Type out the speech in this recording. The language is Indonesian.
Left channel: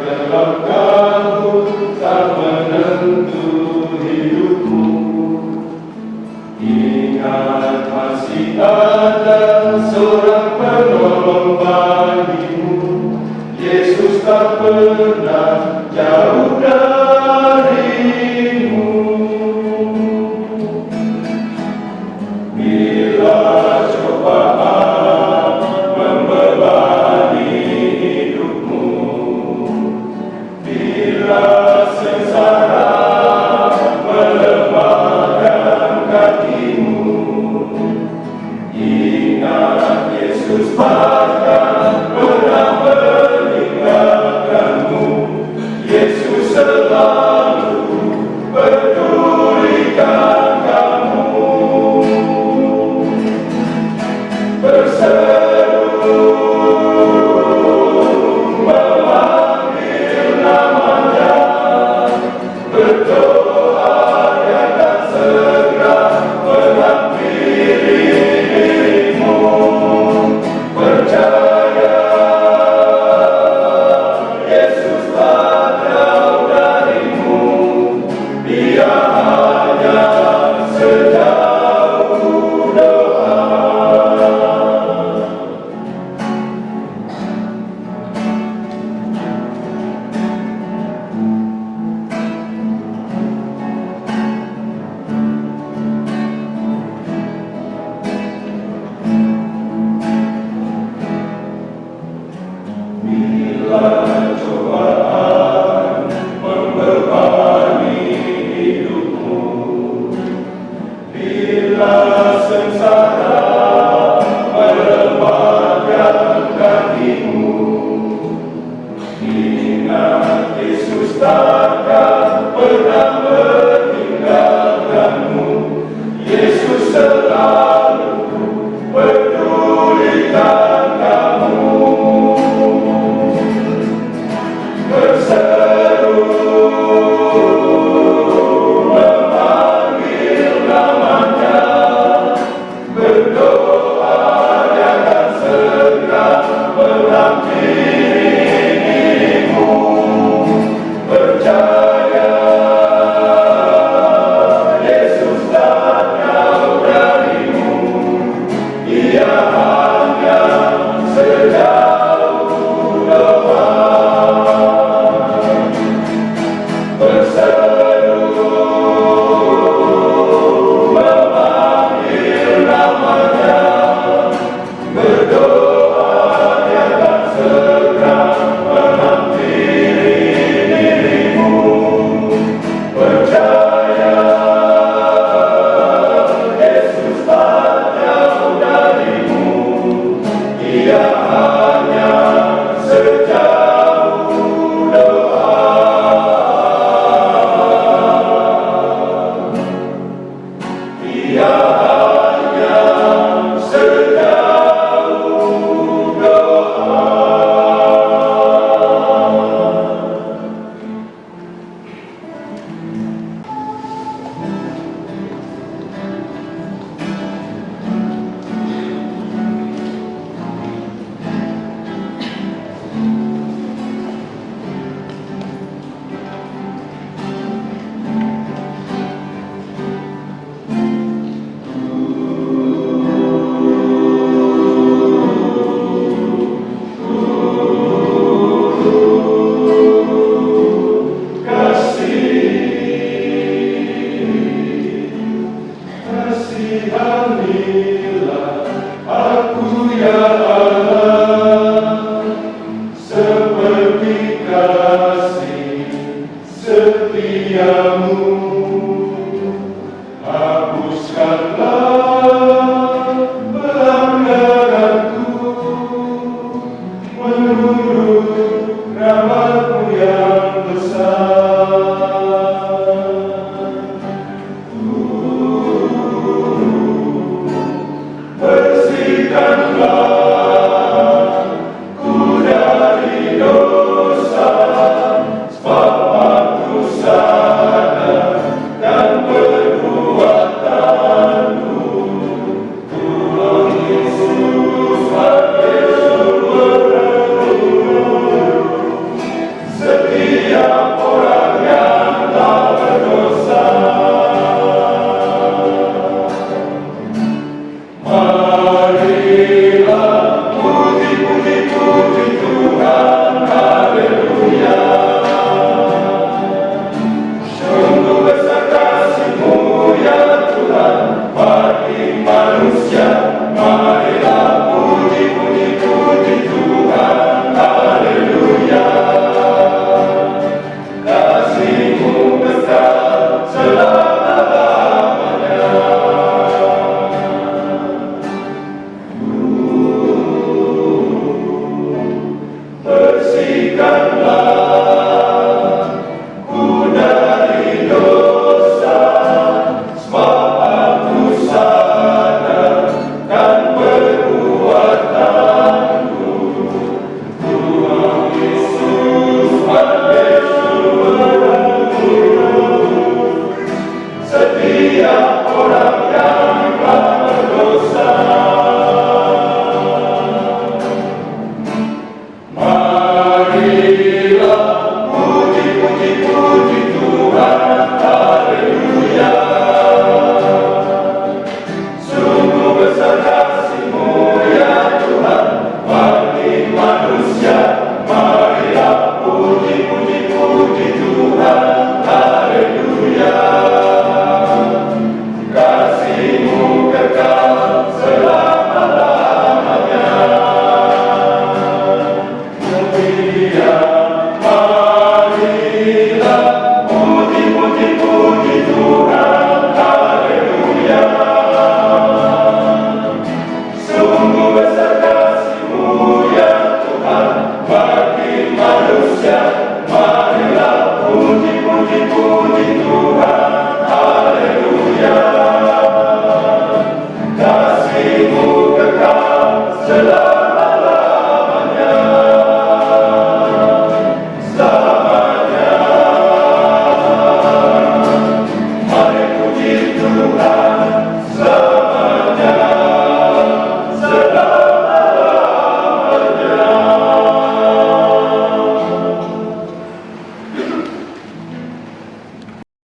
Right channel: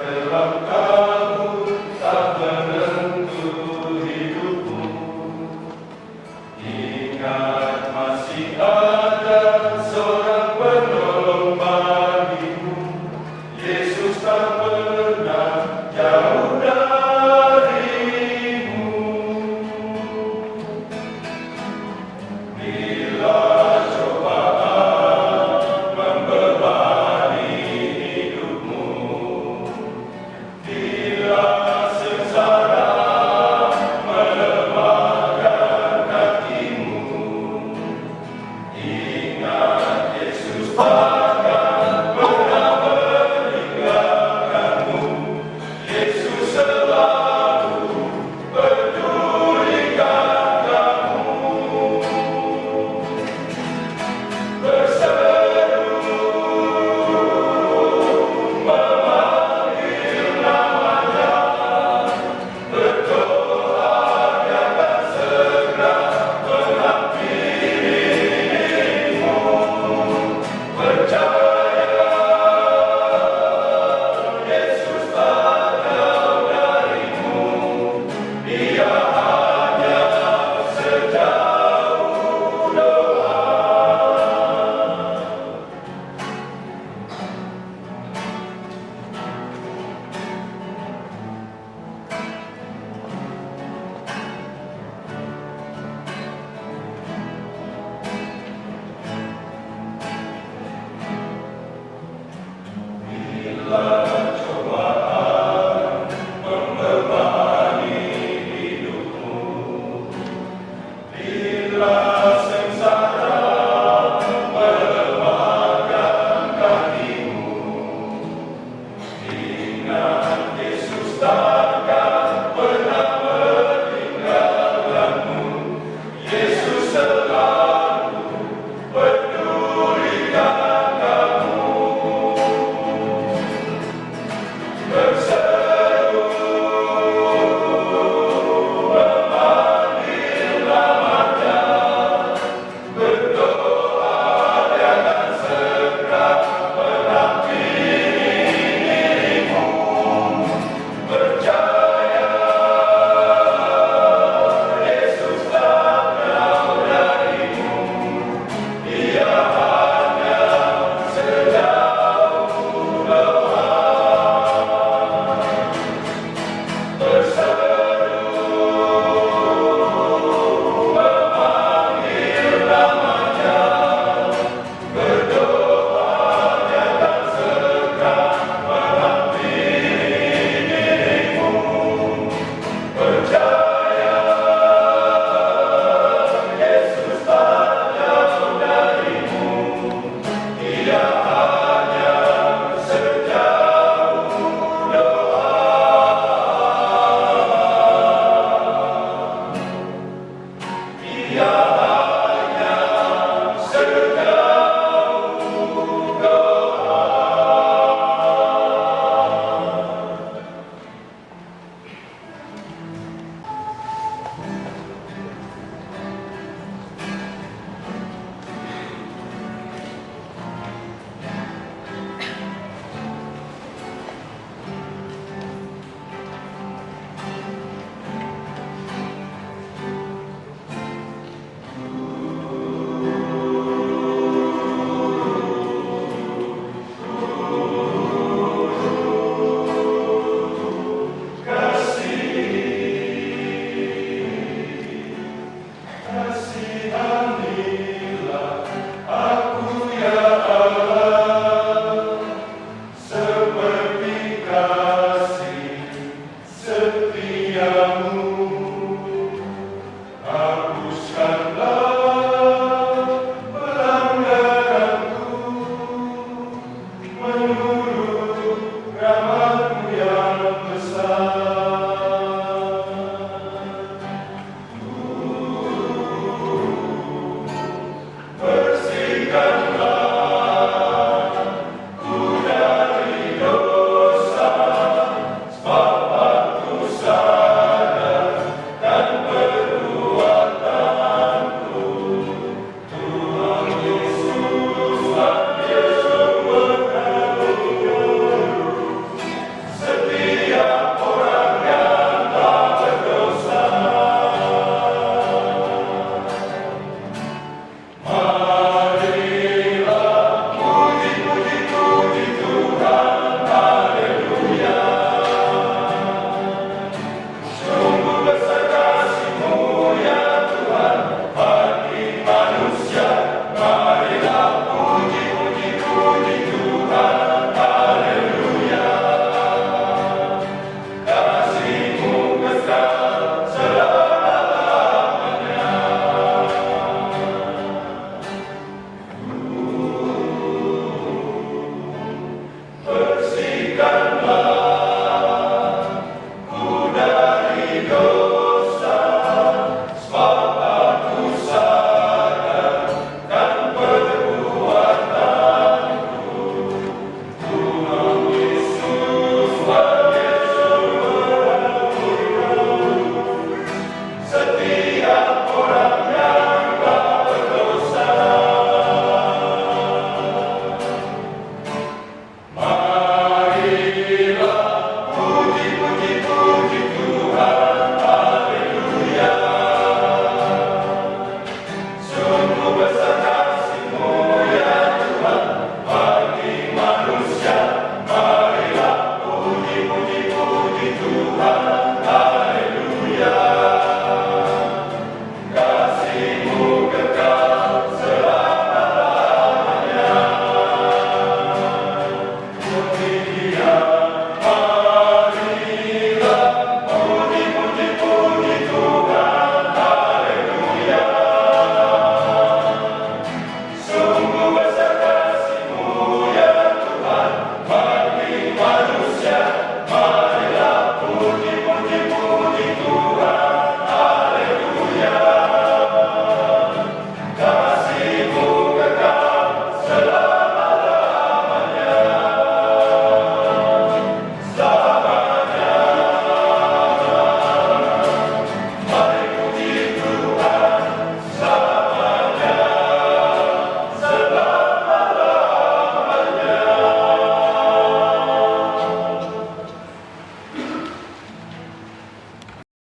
gelap kabut tak menentu hidupmu. Ingat masih ada seorang penolong bagimu. Yesus tak pernah jauh darimu. Bila cobaan membebani hidupmu, bila sengsara melemahkan kakimu, ingat Yesus takkan pernah meninggalkanmu. Yesus selalu pedulikan kamu. Berseru memanggil namanya, berdoa Dia akan segera menghampiri dirimu. Percaya Yesus tak jauh darimu. Dia hanya sejauh doa. Bila cobaan membebani hidupmu, bila sengsara melemahkan kakimu, ingat Yesus takkan pernah meninggalkanmu. Yesus selalu pedulikan kamu. Berseru memanggil namanya, berdoa Dia akan segera menghampiri dirimu. Percaya Yesus tak jauh darimu. Dia hanya sejauh doa. Berseru memanggil namanya, berdoa Dia akan segera menghampiri dirimu. Percaya Yesus tak jauh darimu. Dia hanya sejauh doa. Dia hanya sejauh doa. Kasihanilah aku ya Allah, seperti kasih setiamu. Hapuskanlah pelanggaranku menurut rahmat